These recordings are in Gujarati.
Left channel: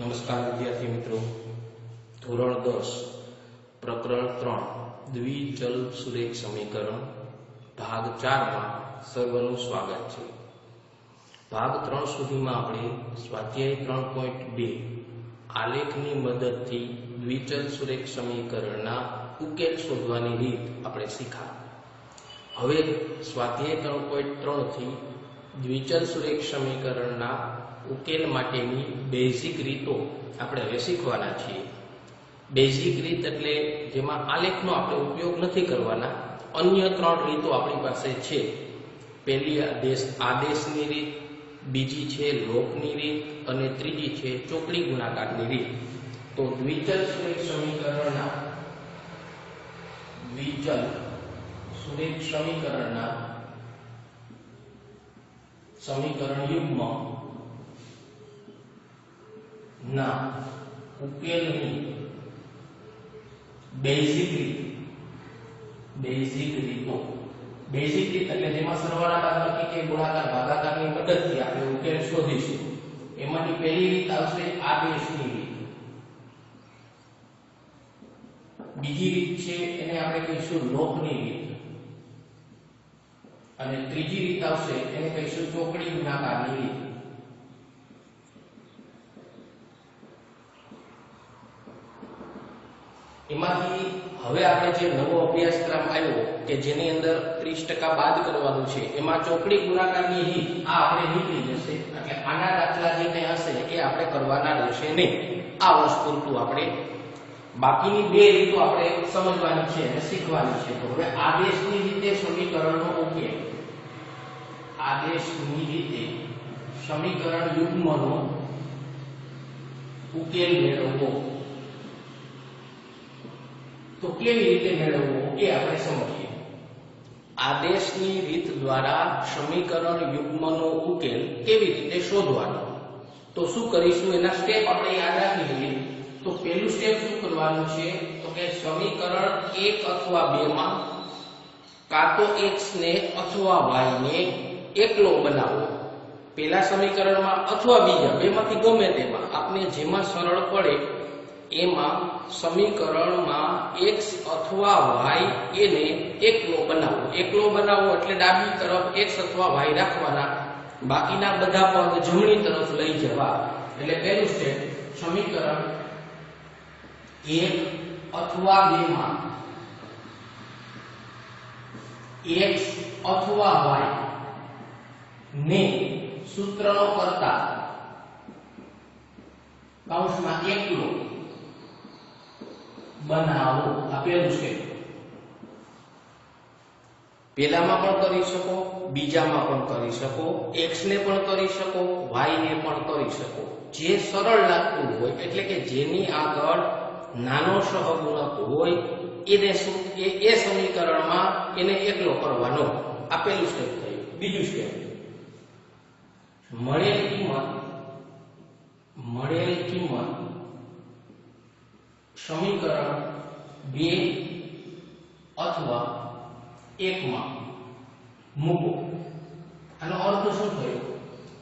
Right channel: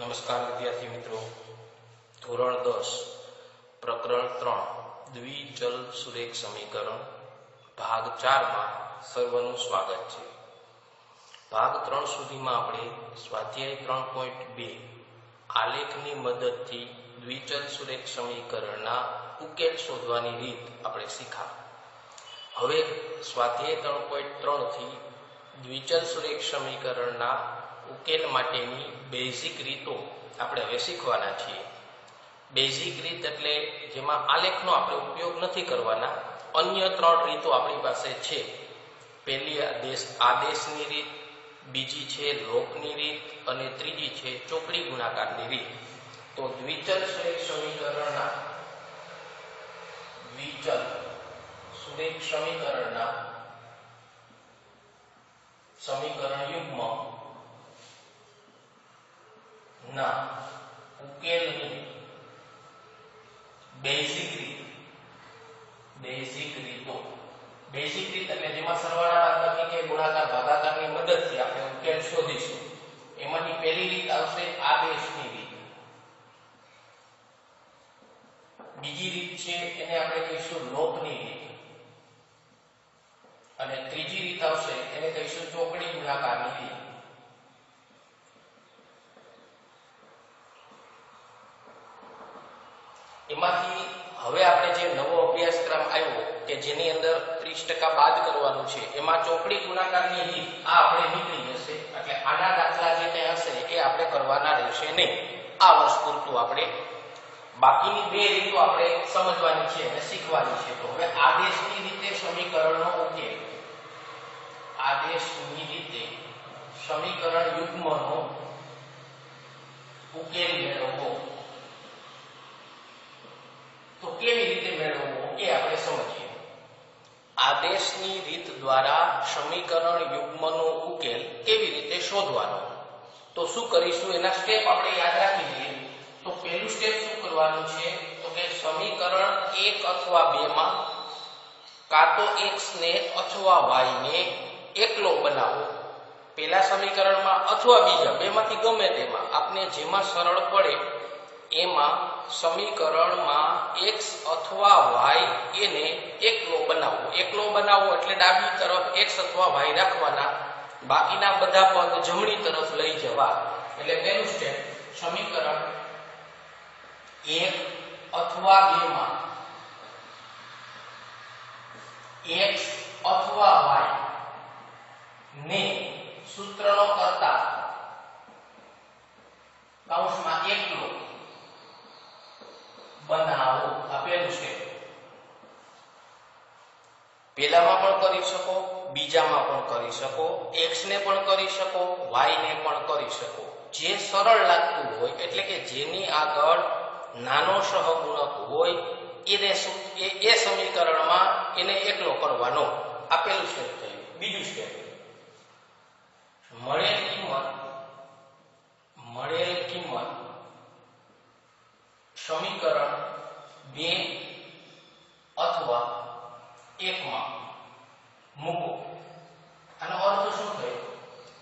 નમસ્કાર વિદ્યાર્થી મિત્રો. ધોરણ દસ, પ્રકરણ ત્રણ દ્વિચલ સુરેખ સમીકરણ, ભાગ ચારમાં સર્વનું સ્વાગત છે. ભાગ ત્રણ સુધીમાં આપણે સ્વાધ્યાય ત્રણ પોઈન્ટ બે, આલેખની મદદથી દ્વિચલ સુરેખ સમીકરણના ઉકેલ શોધવાની રીત આપણે શીખા. હવે સ્વાધ્યાય ત્રણ પોઈન્ટ ત્રણથી દ્વિચલ સુરેખ સમીકરણના ઉકેલ માટેની બેઝિક રીતો આપણે હવે શીખવાના છીએ. બેઝિક રીત એટલે જેમાં આલેખનો આપણે ઉપયોગ નથી કરવાના, અન્ય ત્રણ રીતો આપણી પાસે છે. પહેલી આદેશ, આદેશની રીત, બીજી છે લોકની રીત અને ત્રીજી છે ચોકડી ગુણાકારની રીત. તો દ્વિચલ સમીકરણના દ્વિચલ સુરેખ સમીકરણના સમીકરણ યુગ્મ ના ઉકેલની બેઝિક રીત. બેઝિક રીતો. બેઝિક રીત એટલે જેમાં સરવાળા બાદબાકી કે ગુણાકાર, ભાગાકારની મદદથી આપણે ઉકેલ શોધીશું. એમાંની પહેલી રીત આવશે આદેશની રીત. બીજી રીત છે, એને આપણે કહીશું લોકની રીત. અને ત્રીજી રીત આવશે, એને કહીશું ચોકડી ગુણાકારની રીત. એમાંથી હવે આપણે જે નવો અભ્યાસક્રમ આવ્યો કે જેની અંદર 30% બાદ કરવાનું છે, એમાં ચોકડી ગુણાકારની રીત આ આપણે નીકળી જશે. એટલે આના દાખલા જે હશે એ આપણે કરવાના રહેશે નહીં. આ વર્ષ પૂરતું આપણે બાકીની બે રીતો આપણે સમજવાની છે અને શીખવાની છે. તો હવે આદેશની રીતે સમીકરણનો ઉકેલ આદેશની રીતે સમીકરણ યુગ્મનો ઉકેલ મેળવવો તો કેવી રીતે મેળવવો? એ આપણે સમજીએ. આદેશની રીત દ્વારા સમીકરણ યુગ્મનો ઉકેલ કેવી રીતે શોધવાનો? તો શું કરીશું? એના સ્ટેપ આપણે યાદ રાખી લઈએ. તો પહેલું સ્ટેપ શું કરવાનું છે? તો કે સમીકરણ એક અથવા બે માં કાં તો x ને અથવા y ને એકલો બનાવો. પહેલા સમીકરણમાં અથવા બીજા, બેમાંથી ગમે તેમાં. આપને જેમાં સરળ પડે એમાં સમીકરણમાં એક્સ અથવા વાય એને એકલો બનાવો એકલો બનાવો એટલે ડાબી તરફ એક્સ અથવા વાય રાખવાના. બાકીના બધા પદ જમણી તરફ લઈ જવા. એટલે પહેલું સ્ટેપ સમીકરણ એક અથવા બે માં. x અથવા વાય ને સૂત્રનો કરતા. કૌંસમાં એકલો. બનાવો આ પહેલું પેલામાં પણ કરી શકો, બીજામાં પણ કરી શકો એક્સ ને પણ કરી શકો વાય ને પણ કરી શકો. જે સરળ લાગતું હોય, એટલે કે જેની આગળ નાનો સહગુણક હોય, એને એ સમીકરણમાં એને એકલો કરવાનો. આપેલું સ્ટેપ થયું બીજું સ્ટેપ મળેલ કિંમત મળેલ કિંમત સમીકરણ બે અથવા એકમાં મૂકો. આનો અર્થ શું થયો?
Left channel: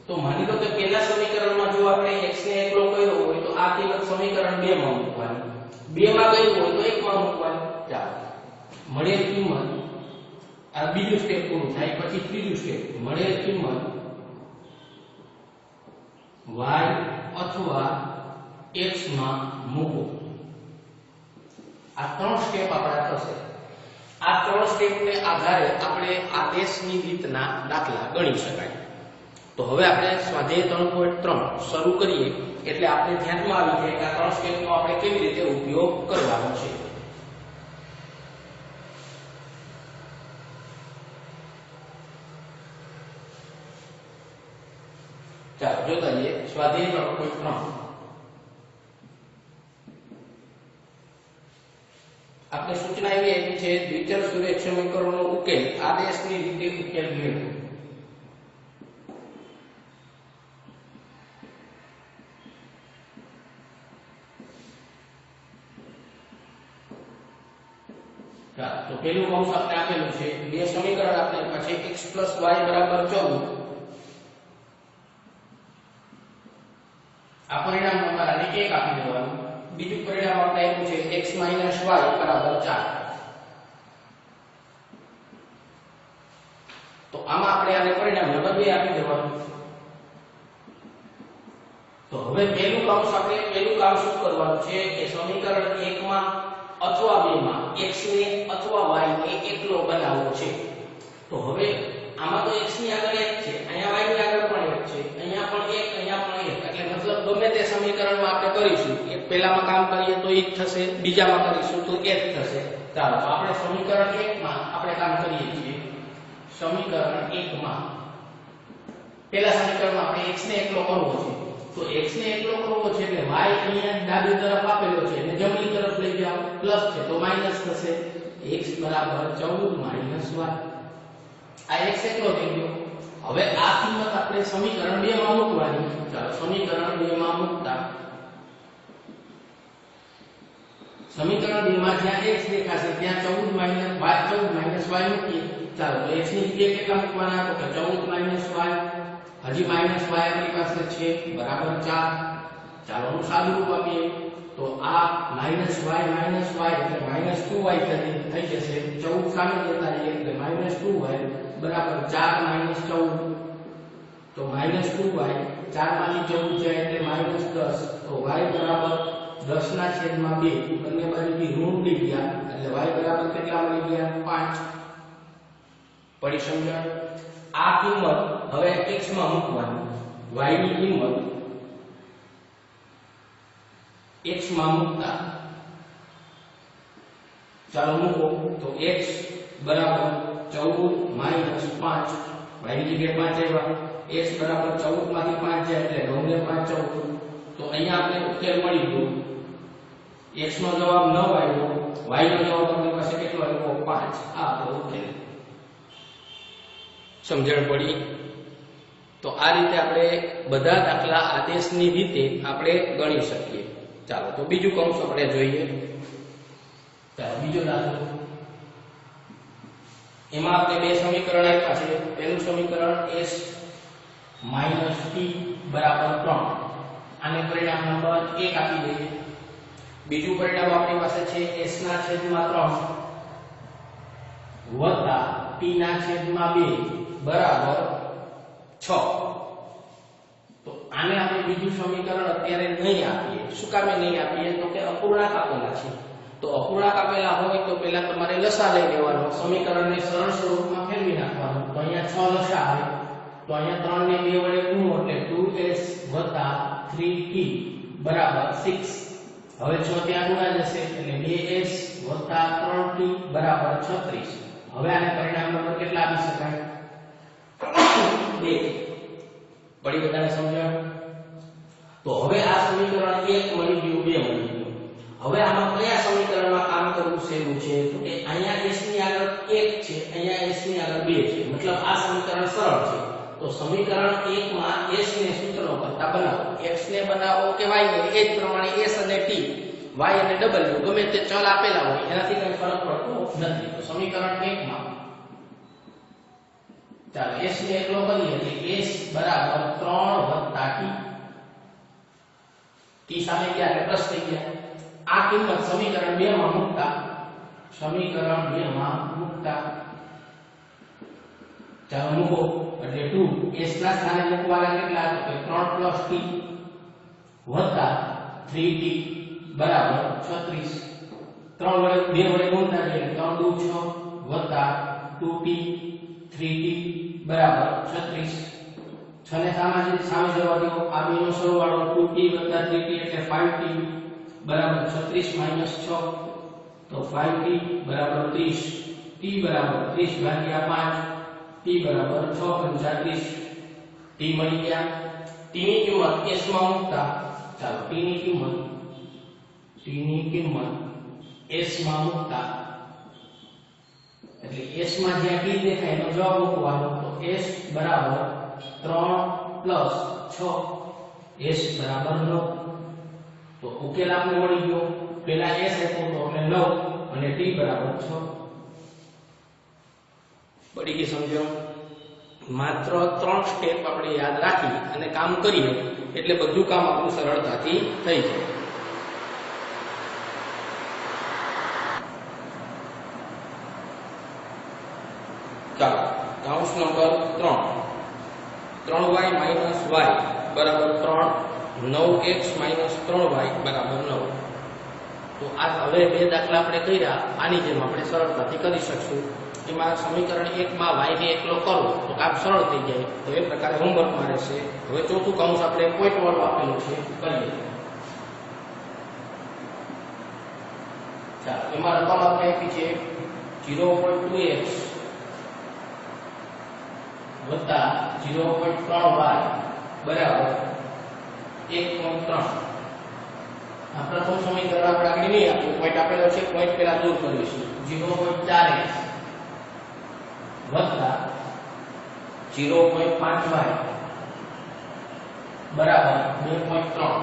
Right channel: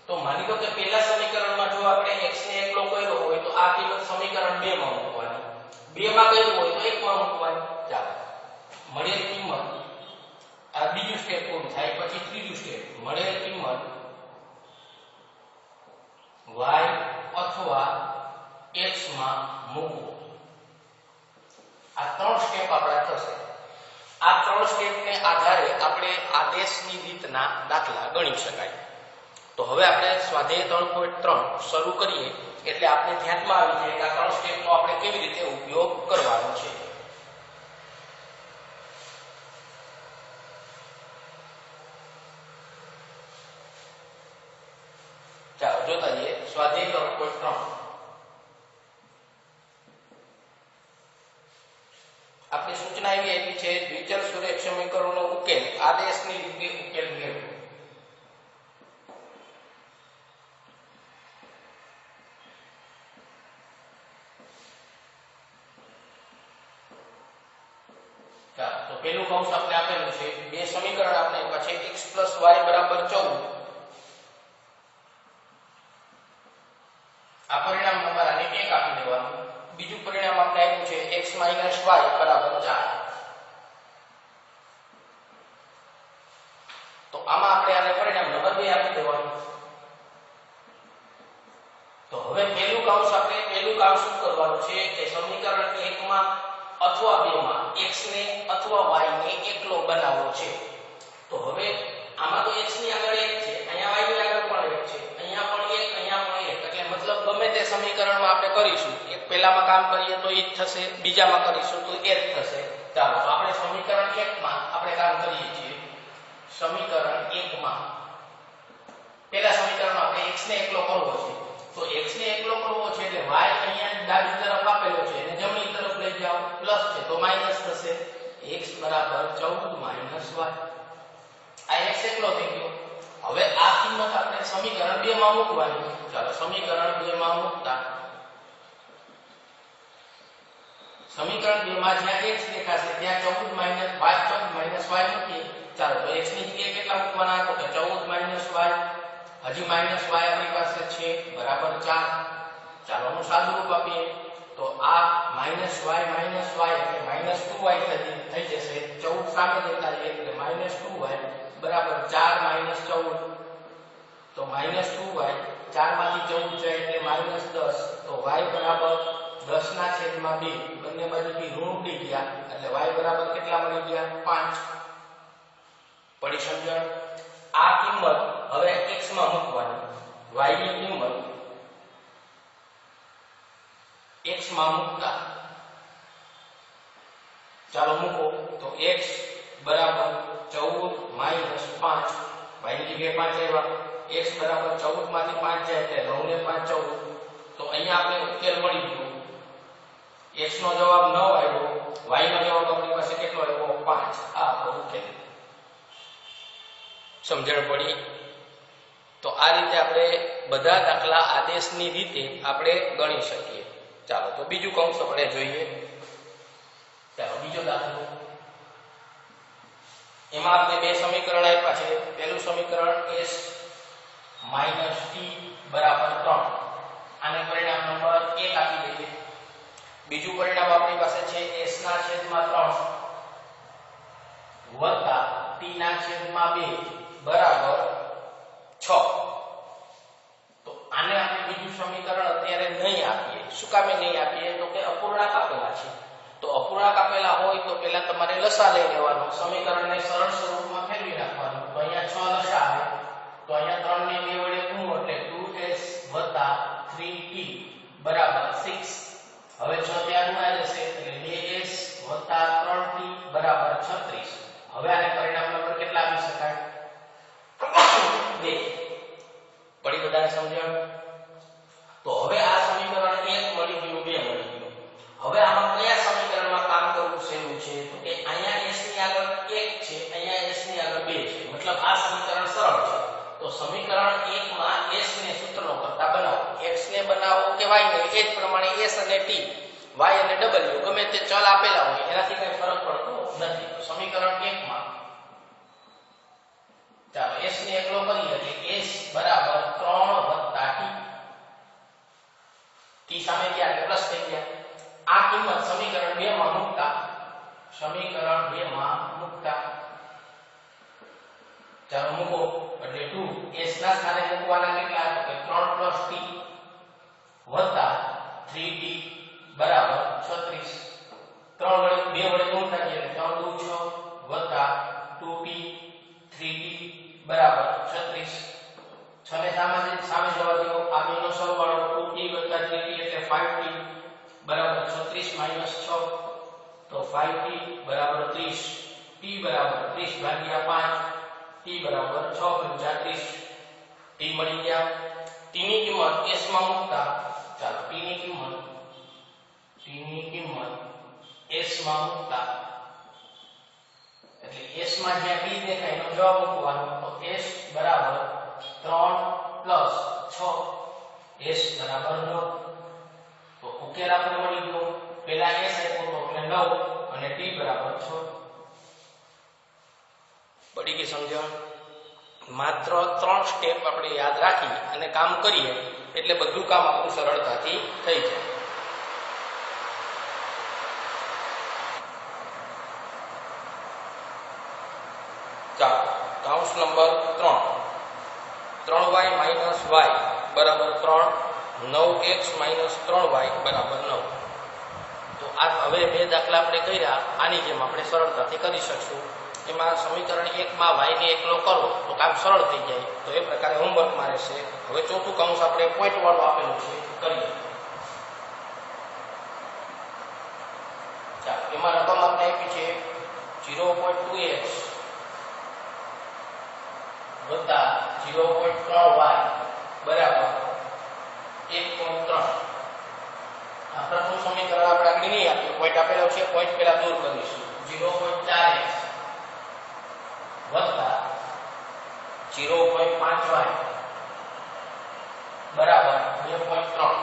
તો માની લો કે પહેલા સમીકરણમાં જો આપણે x ને એકલો કર્યો હોય, તો આ કિંમત સમીકરણ 2 માં મૂકવાની. 2 માં કર્યું હોય, તો 1 માં મૂકવાની. ચાલો. મળેલ કિંમત આ બીજું સ્ટેપ પૂરું થાય, પછી ત્રીજું સ્ટેપ મળેલ કિંમત y અથવા x માં મૂકો. આ ત્રણ સ્ટેપ આપણા થશે. આ ત્રણ સ્ટેપને આધારે આપણે આદેશની રીતના દાખલા ગણી શકાય. તો હવે આપણે સ્વાધ્યાય ત્રણ પોઈન્ટ ત્રણ શરૂ કરીએ, એટલે આપણે ધ્યાનમાં આવી જાય કે આ ત્રણ સ્ટેપનો આપણે કેવી રીતે ઉપયોગ કરવાનો છે. ચાલો, જોતા જઈએ સ્વાધ્યાય ત્રણ પોઈન્ટ ત્રણ. સમીકરણનો ઉકેલ. આદેશની રીતે ઉકેલ મેળવો. તો પેલું કૌંસ આપણે આપેલું છે. બે સમીકરણ આપણે આપ્યા પ્લસ વાય બરાબર 14 આ પરિણામ તમારા એક આપી દેવાનું. બીજું પરિણામ આપણે આપ્યું છે. x y 4 હવે પહેલું કાઉન્સ આપણે પહેલું કામ શું કરવાનું છે કે સમીકરણ 1 માં અથવા 2 માં x ને અથવા y ને એકલો બનાવવો છે. તો હવે આમાં તો x ની આગળ 1 છે, અહીંયા y ની આગળ પણ 1 છે, અહીંયા પણ 1 અહીંયા પણ 1 એટલે મતલબ ગમે તે સમીકરણમાં આપણે કરીશું, એક પહેલામાં કામ કરીએ તો એ જ થશે, બીજામાં કરીશું તો એ જ થશે. ચાલો આપણે સમીકરણ 1 માં આપણે કામ કરીએ છીએ. સમીકરણ 1 માં પહેલા સમીકરણમાં આપણે x ને એકલો કરવો છે. તો x ને એકલો કરવો છે એટલે y અહીંયા ડાબી તરફ આપેલો છે અને જમણી તરફ લઈ જાઓ પ્લસ છે, તો માઇનસ થશે. X બરાબર 14 y આ x એકલો થઈ ગયો. હવે આ કિંમત આપણે સમીકરણ 2 માં મૂકવાની. ચાલો, સમીકરણ 2 માં મૂકતા. સમીકરણ 2 માં જ્યાં x દેખાશે, ત્યાં 14 માઇનસ y 14 માઇનસ y મૂકીએ. ચાલો, તો x ની જગ્યાએ કેટલા મૂકવાના? તો કે 14 માઇનસ y. હજી માઇનસ y આપણી પાસે છે, બરાબર 4 ચાલો હું સાદું રૂપ આપીએ. તો આ માઇનસ y માઇનસ y એટલે માઇનસ 2y થઈ જશે. 14 સામે જતા રહીએ એટલે માઇનસ 2y બરાબર 4 માઇનસ 14 તો માઇનસ 2y 4 માંથી 14 જાય એટલે માઇનસ 10 તો y બરાબર 10 ના છેદમાં 2 બંને બાજુથી ઋણ ઉડી ગયા. એટલે y બરાબર કેટલા મળી ગયા? 5 પડી સમજણ? આ કિંમત હવે x માં મૂકવાની. y ની કિંમત x માં મૂકતા. ચાલો મૂકો તો x બરાબર 14 માઇનસ 5 y ની જગ્યાએ 5 આવ્યા. x બરાબર 14 માંથી 5 જાય એટલે 9 ને 5 14 તો અહીંયા આપણે ઉકેલ મળી ગયો. x નો જવાબ 9 આવ્યો. y નો જવાબ આપણી પાસે કેટલો આવ્યો? 5 આ આપણો ઉકેલ. સમજણ પડી? તો આ રીતે આપણે બધા દાખલા આદેશની રીતે આપણે ગણી શકીએ. ચાલો, તો બીજું કૌંસ આપણે જોઈએ. ચાલો, બીજો દાખલો. એમાં આપણે બે સમીકરણ આપ્યા છે. પહેલું સમીકરણ s માઇનસ ટી બરાબર ત્રણ. આને પરિણામ નંબર એક આપી દઈએ. બીજું પરિણામ આપણી પાસે છે s ના છેદમાં ત્રણ વત્તા ટી ના છેદમાં બે બરાબર છ. તો આને આપણે બીજું સમીકરણ અત્યારે નહીં આપીએ. શું કામે નહીં આપીએ? તો કે અપૂર્ણાંક આપેલા છે. તો અપૂર્ણાંક આપેલા હોય તો પહેલા તમારે લસા લઈ લેવાનો. સમીકરણને સરળ સ્વરૂપમાં ફેરવી નાખવાનું. તો અહીંયા છ લસા આવે તો અહીંયા ત્રણ ને બે વડે ગુણો એટલે 2s 3t બરાબર સિક્સ હવે છ ત્યાં ગુણા જશે એટલે 2s 3t બરાબર 36 હવે આને પરિણામ નંબર કેટલા આપી શકાય? બે પડી બધાને સમજણ? તો હવે આ સમીકરણ 1 મળી ગયું 2 મળી ગયું. હવે આમાં કયા સમીકરણમાં કામ કરવું સહેલું છે? તો કે અહીંયા s ની આગળ 1 છે, અહીંયા s ની આગળ 2 છે. મતલબ આ સમીકરણ સરળ છે. તો સમીકરણ 1 માં s ને સૂત્રો કરતા બનાવો. X ને બનાવો કે y ને? એ જ પ્રમાણે s અને t. Y અને w. ગમે તે ચલ આપેલા હોય, એનાથી કંઈ ફરક પડતો નથી. તો સમીકરણ 1 માં ચાલો, s ને એકલો કરીએ એટલે s બરાબર 3 t. T સામે એટલે પ્લસ થઈ ગયા. આ કિંમત સમીકરણ 2 માં મૂકતા. સમીકરણ 2 માં મૂકતા. ચાલો, મૂકો. એટલે 2 s ના સ્થાને મૂકવાના કેટલા તો કે 3 t વત્તા 3t બરાબર 36 3 વડે 2 વડે ગુણતા જઈએ એટલે 3 2 6 વત્તા 2t 3t બરાબર 36 6 ને સામે સામે જવા દો આ બેનો સરવાળો 2t 3t એટલે 5t બરાબર 36 6 તો 5t બરાબર 30 t બરાબર 30 ભાગ્યા 5 t બરાબર 6 પંચા 30 t મળી ગયા. t કિંમત s મૂકતા, ચાલો t કિંમત t કિંમત s મૂકતા. એટલે s માં જ્યાં t દેખાય એનો જવાબ મૂકવાનો તો s બરાબર 3 6 s બરાબર 9 તો ઉકેલ આપણે મળી ગયો. પહેલા s આપ્યો તો એટલે 9 અને t બરાબર 6 પડી ગઈ સમજણ? માત્ર ત્રણ સ્ટેપ આપણે યાદ રાખી અને કામ કરીએ, એટલે બધું કામ આપણું સરળતાથી થઈ જાય. ચાલો કાઉન્સ નંબર ત્રણ. ત્રણ વાય માઇનસ વાય બરાબર ત્રણ. નવ એક્સ માઇનસ ત્રણ વાય બરાબર નવ. તો આ હવે બે દાખલા આપણે કર્યા. આની જેમ આપણે સરળતાથી કરી શકશું. એમાં સમીકરણ એકમાં વાયને એકલો કરો, તો કામ સરળ થઈ જાય. તો એ પ્રકારે હોમવર્ક મારે છે હવે ચોથું કાઉન્સ આપણે પોઈન્ટ વાળું આપેલું છે. કરીએ. ચાલો, એમાં રકમ આપણે આપી છે. ઝીરો પોઈન્ટ ટુ એક્સ વત્તા ઝીરો પોઈન્ટ ત્રણ વાય બરાબર એક પોઈન્ટ ત્રણ. આ પ્રથમ સમીકરણ આપણે આગળ નહીં આપ્યું. પોઈન્ટ આપેલો છે પોઈન્ટ પહેલા દૂર કરીશું ઝીરો પોઈન્ટ ચાર એક્સ વત્તા ઝીરો પોઈન્ટ પાંચ વાય બરાબર બે પોઈન્ટ ત્રણ.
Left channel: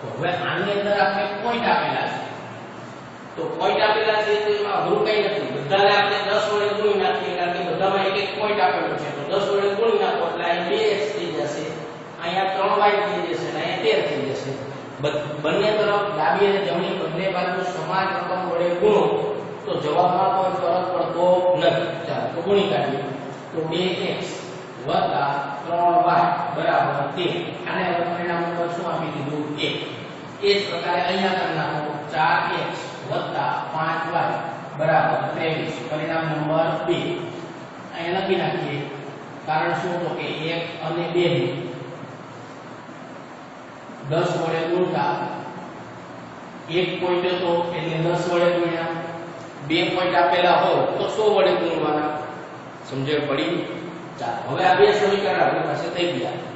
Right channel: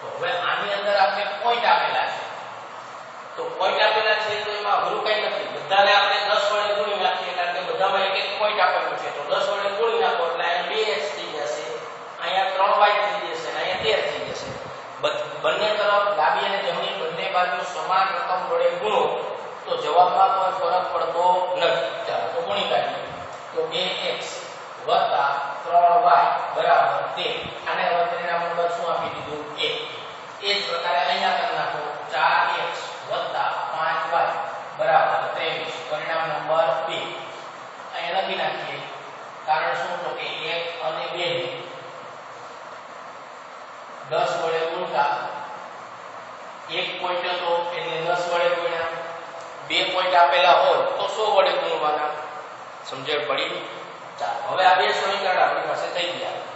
તો હવે આની અંદર આપણે પોઈન્ટ આપેલા છે. તો પોઈન્ટ આપેલા છે તો એમાં અઘરું કઈ નથી. બધાને આપણે 10 વડે ગુણી નાખીએ કારણ કે બધામાં એક એક પોઈન્ટ આપેલો છે. તો 10 વડે ગુણી નાખો એટલે અહીંયા 2x થઈ જશે. અહીંયા 3y થઈ જશે અને અહીંયા 13 થઈ જશે. બંને તરફ ડાબી અને જમણી બંને બાજુ સમાન રકમ વડે ગુણો, તો જવાબમાં કોઈ ફરક પડતો નથી. ચાલો, તો ગુણી કાઢીએ. તો 2x 3y બરાબર 13 આને હવે પરિણામ શું આપી દીધું? 1 એ જ પ્રકારે અહીંયા કરી નાખો. 4x વત્તા 5y બરાબર 23 પરિણામ નંબર બે. અહીંયા લખી નાખીએ. કારણ શું? તો કે એક અને બે ને દસ વડે ગુણતા એક પોઈન્ટ હતો એટલે દસ વડે ગુણ્યા. બે પોઈન્ટ આપેલા હોય તો સો વડે ગુણવાના. સમજણ પડી? ચાલો, હવે આ બે સમીકરણ આપણી પાસે થઈ ગયા.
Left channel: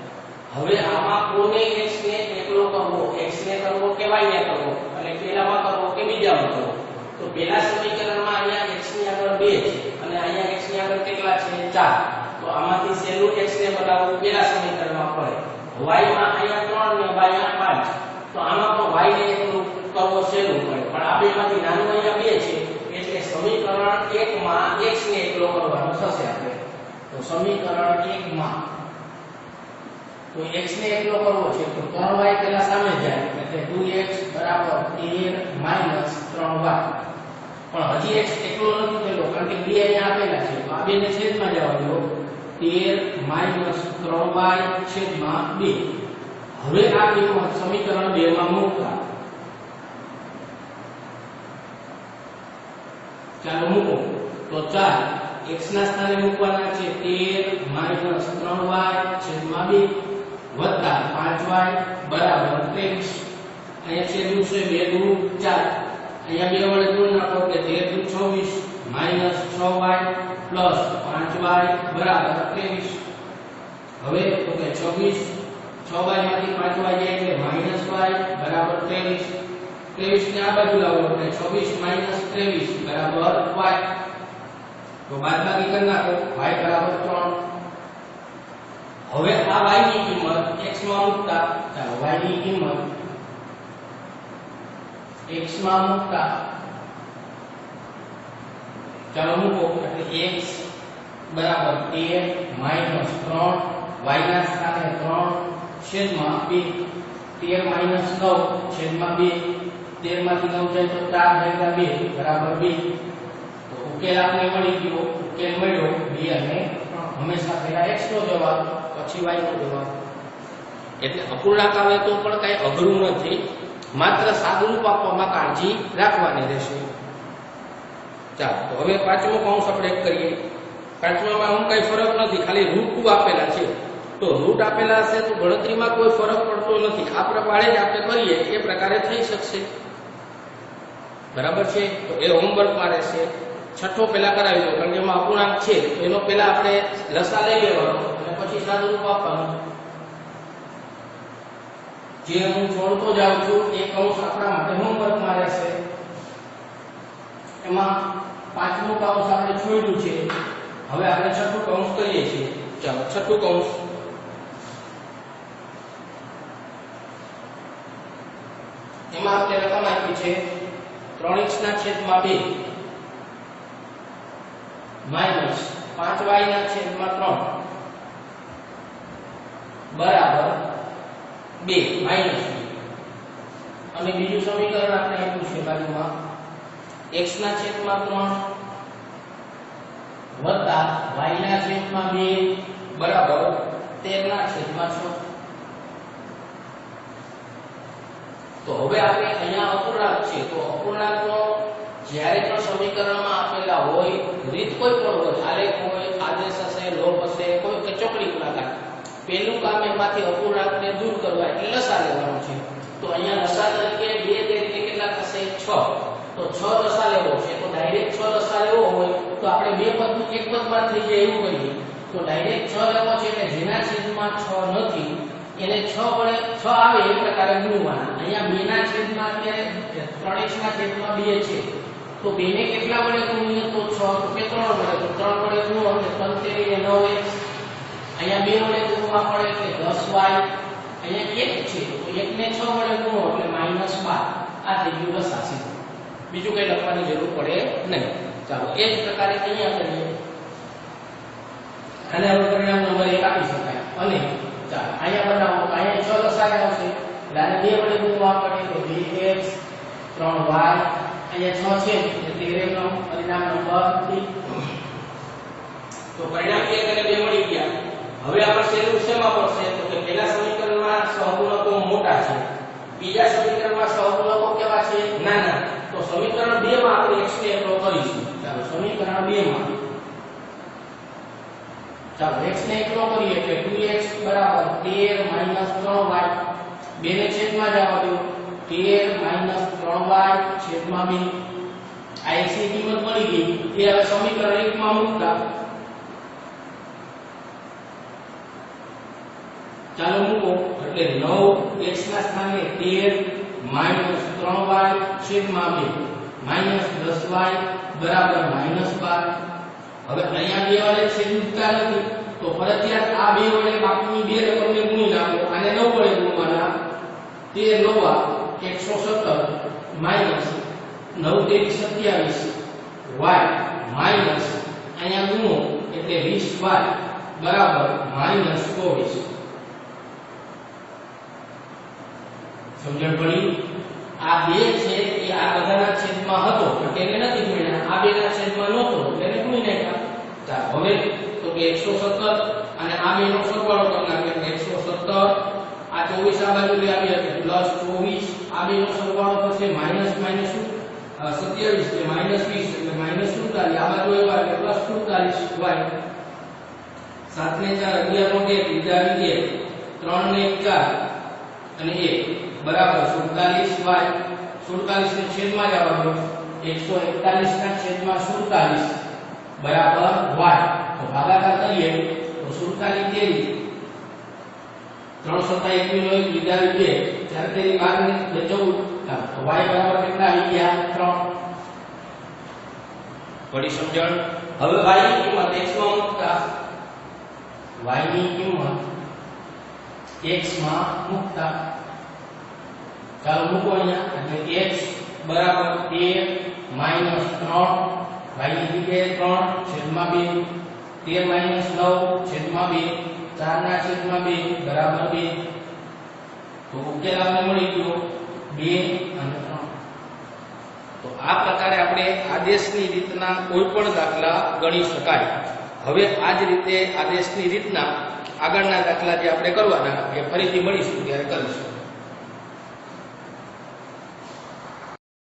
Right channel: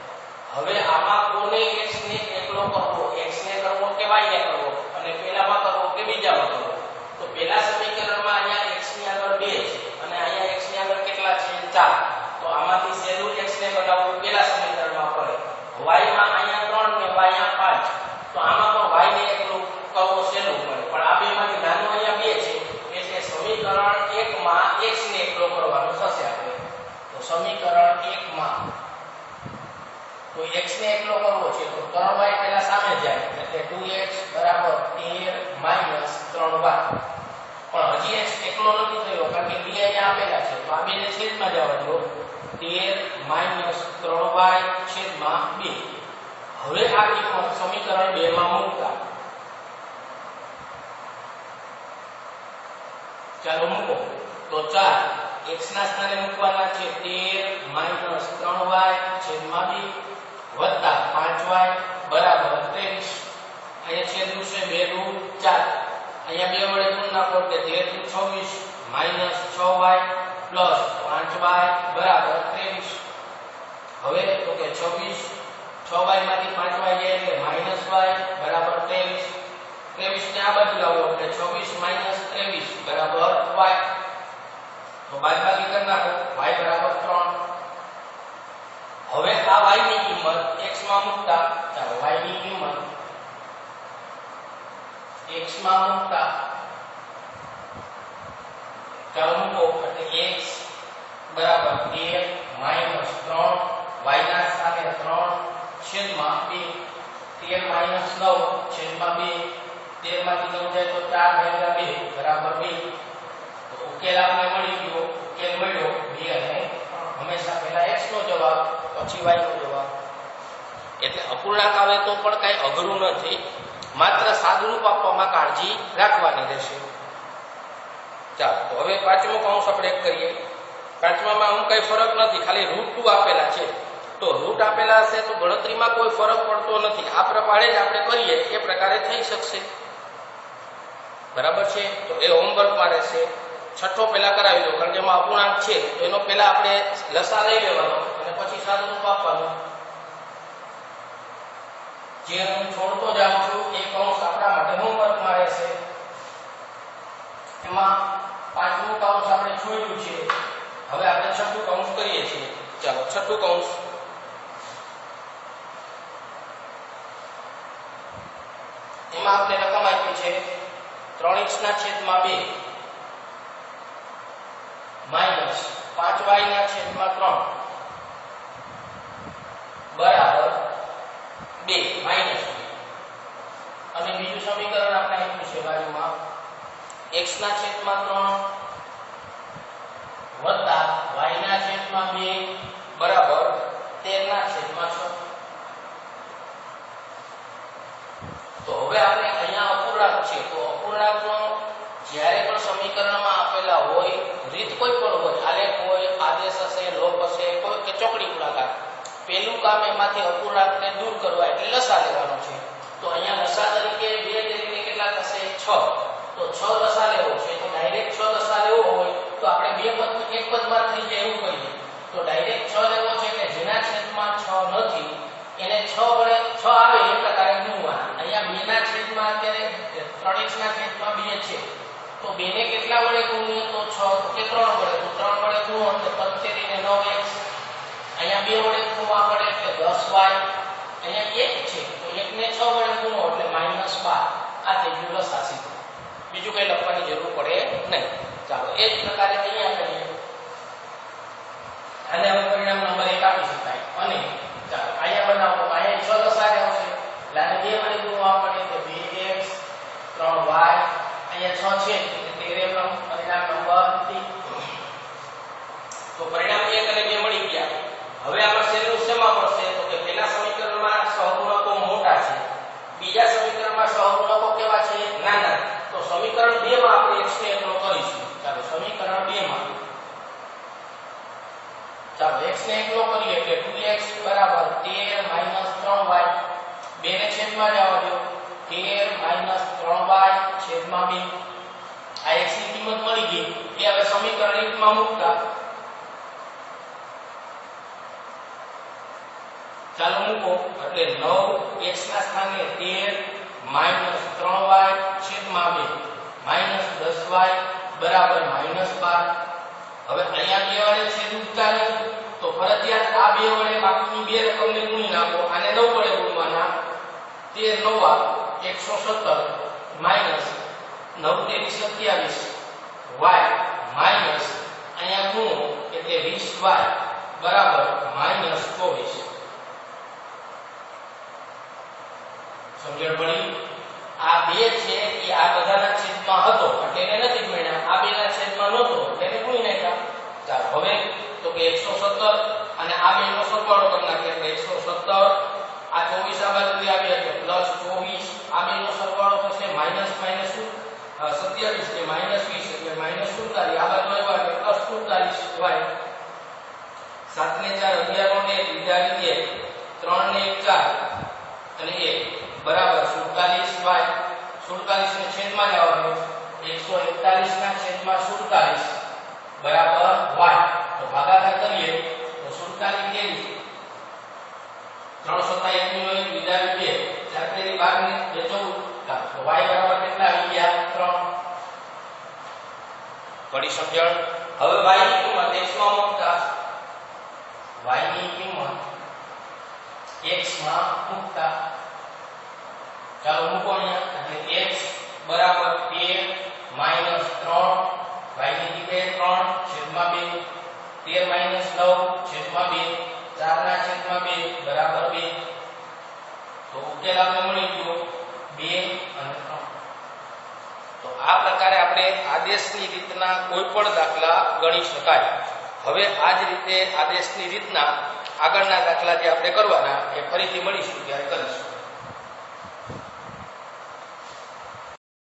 હવે આમાં કોને x ને એકલો કરવો x ને કરવો કે y ને કરવો? અને પેલામાં કરવો કે બીજામાં કરવો? તો પેલા સમીકરણમાં અહીંયા x ની આગળ 2 છે અને અહીંયા x ની આગળ કેટલા છે? 4 તો આમાંથી સેલું x ને બનાવવું પેલા સમીકરણમાં પડે. y માં અહીંયા 3 ને y અહીંયા 5 તો આમાં તો y ને એકલું કરવો સેલું પડે. પણ આ બેમાંથી નાનું અહીંયા 2 છે, એટલે સમીકરણ 1 માં x ને એકલો કરવાનો થશે આપણે. તો સમીકરણ 1 માં તો x ને એકલો કરવો છે તો 3y પહેલા સામે જાય, એટલે 2x બરાબર 13 3y પણ હજી x એકલો નથી થયો, કારણ કે બે અહીંયા આપેલા છે. તો આ બે ને છેદમાં જવા દો 13 3y છેદમાં 2 હવે આ કિંમત સમીકરણ 2 માં મૂકતા. ચાલો મૂકો. તો ચાલ x ના સ્થાને મૂકવાના છે 13 3y છેદમાં 2 વત્તા 5y બરાબર 23 અહીંયા છેલ્લું છે? 2 દુ 4 અહીંયા બે વડે ગુણ નાખો એટલે 13 દુ 26 માઇનસ 6y પ્લસ 5y બરાબર 23 હવે તો કે 26 6y માંથી 5y જાય એટલે માઇનસ y બરાબર 23 23 ને આ બાજુ લાવો એટલે 26 માઇનસ 23 બરાબર y તો બાદબાકી કરી નાખો. y બરાબર 3 હવે આ y ની કિંમત x માં મૂકતા, ચાલો y ની કિંમત x માં મૂકતા. ચાલો મૂકો, એટલે x બરાબર 13 માઇનસ 3 y ના સ્થાને 3 છેદમાં 2 13 માઇનસ 9 છેદમાં 2 13 માંથી 9 જાય તો 4 ભાગ્યા 2 બરાબર 2 તો ઉકેલ આપણે મળી ગયો, ઉકેલ મળ્યો 2 અને 3 હંમેશા પહેલા x નો જવાબ, પછી y નો જવાબ. એટલે અપૂર્ણાંક આવે તો પણ કઈ અઘરું નથી. માત્ર સાદુરૂપ આપવામાં કાળજી રાખવાની રહેશે. ચાલો, તો હવે પાંચમો કૌંસ આપણે કરીએ. પાંચમામાં આમ કઈ ફરક નથી, ખાલી રૂટ ટુ આપેલા છે. તો રૂટ આપેલા હશે તો ગણતરીમાં કોઈ ફરક પડતો નથી. આ પ્રમાણે જ આપણે કરીએ, એ પ્રકારે થઈ શકશે. બરાબર છે? તો એ હોમવર્કમાં રહેશે. છઠ્ઠો પહેલા કરાવી દો, કારણ કે એમાં અપૂર્ણાંક છે. તો એનો પહેલા આપણે લસા લઈ લેવાનો અને પછી સાદુરૂપ આપવાનું. જે હું છોડતો જાઉં છું એ કૌંસ આપણા માટે હોમવર્કમાં રહેશે. એમાં પાંચમું કૌંસ આપણે છોડ્યું છે. હવે આપણે છઠ્ઠું કૌંસ કરીએ છીએ. ચાલો, છઠ્ઠું કૌંસ એમાં આપણે રકમ આપી છે. ત્રણ ઇંચ ના છેદમાં બે. માઇનસ પાંચ વાય ના છેદમાં ત્રણ. બરાબર બે માઇનસ અને બીજું સમીકરણ આપણે આપ્યું છે બાજુમાં. x ના છેદમાં ત્રણ, વત્તા y ના છેદમાં બે, બરાબર તેર ના છેદમાં છ. તો હવે આપણે અહીંયા અપૂર્ણાંક છે, તો અપૂર્ણાંકનો જ્યારે પણ સમીકરણમાં આપેલા હોય, રીત કોઈ પણ હોય, આલેખ હોય, આદેશ હશે લોપ હશે, કોઈ કે ચોકડી ગુણાકાર પહેલું કામ એમાંથી અપૂર્ણાંકને દૂર કરવા એટલે લસા લેવાનો છે. તો અહીંયા લસા તરીકે બે તરીકે કેટલા થશે? છ. તો છ લસા લેવો છે. તો ડાયરેક્ટ છ લસા લેવો હોય, તો આપણે બે પદ, એક પદમાં થઈ જાય એવું કરીએ તો ડાયરેક્ટ છ લેવો છે કે જેના છેદમાં છ નથી, એને છ વડે છ આવે એ પ્રકારે ગુણવાના. અહીંયા બે ના છેદમાં અત્યારે ત્રણ x ના છેદમાં બે છે. તો બે ને કેટલા વડે ગુણીએ તો છ. તો કે ત્રણ વડે. તો ત્રણ વડે ગુણો એટલે ત્રણ તેરી ને નવ x અહીંયા બે વડે ગુણવા પડે એટલે દસ વાય. અહીંયા એક છે. તો એક ને છ વડે ગુણો એટલે માઇનસ બાર. આ થઈ ગયું લસાસી બીજું કઈ લખવાની જરૂર પડે નહીં. ચાલો, એ જ પ્રકારે અહીંયા કરીએ આને હવે પરિણામ નંબર એક આપી શકાય. અને ચાલો, અહીંયા બનાવો. અહીંયા છ જ આવશે એટલે આને બે વડે ગુણવા પડે તો 2x 3y અહીંયા છ છે, એટલે તેરેમ નો પરિણામ નંબર ડી તો પરિણામ એક અને બે મળી ગયા. હવે આપણે છેલ્લું શેમાં પડશે? તો કે પહેલા સમીકરણમાં સહગુણકો મોટા છે. બીજા સમીકરણમાં સહગુણકો કેવા છે? નાના. તો સમીકરણ 2 માં આપણે x ને એકલો કરીશું. ચાલો, સમીકરણ 2 માં. ચાલો, x ને એકલો કરીએ એટલે 2x બરાબર 13 3y બે ને છેદમાં જવા દો. 13 3y છેદમાં બે. આ એક્સની કિંમત મળી ગઈ. એ હવે સમીકરણ એક માં મૂકતા. ચાલો મૂકો. એટલે નવ એક્સ ના સ્થાને 13 3y છેદમાં 2 10y બરાબર -12 હવે અહીંયા બે વડે છેદતા નથી. તો ફરજિયાત આ બે વડે બાકીની બે રકમને ગુણી નાખો. આને નવ વડે ગુણવાના. 13 નવા. 117 માઇનસ 9 તેરી 27 y માઇનસ અહીંયા ગુણો એટલે 20y બરાબર માઇનસ 24 સમજણ પડી આ બે છે એ આ બધાના છેદમાં હતો એટલે એને નથી ગુણ્યા આ બેના છેદમાં નહોતો એટલે એને ગુણી નાખ્યા હવે તો કે 117 અને આ બેનો સરવાળો કરી નાખીએ એટલે 117 આ 24 આ બાજુથી આવી એટલે પ્લસ 24 આ બેનો સરવાળો થશે માઇનસ માઇનસ 27 કે માઇનસ 20 એટલે માઇનસ 47 આ બાજુ આવ્યા એટલે પ્લસ 47 વાય 7 ને 4 11 નો 1 બીજા રીતે 3 ને 4 અને 1 બરાબર 47 વાય. 47 ને છેદમાં જવાનું. 141 ના છેદમાં 47 બરાબર y તો ભાગાકાર કરીએ તો 47 તેરી 307 નો એક બીજા બે ચાર તેરી 12 ને 14 તો વાય બરાબર કેટલા આવી ગયા? ત્રણ. પડી સમજણ? હવે y ની કિંમત મૂકતા. y કિંમત x મૂકતા. ચાલો મૂકો અહીંયા. એટલે x બરાબર 13 માઇનસ 3 y ની જગ્યાએ 3 છેદમાં 2 13 માઇનસ 9 છેદમાં 2 4 ના છેદમાં બે, બરાબર બે. તો ઉકેલ આપણે મળી ગયો બે અને ત્રણ. તો આ પ્રકારે આપણે આદેશની રીતના કોઈ પણ દાખલા ગણી શકાય. હવે આ જ રીતે આદેશની રીતના આગળના દાખલા જે આપણે કરવાના, એ ફરીથી મળીશું ત્યારે કરીશું.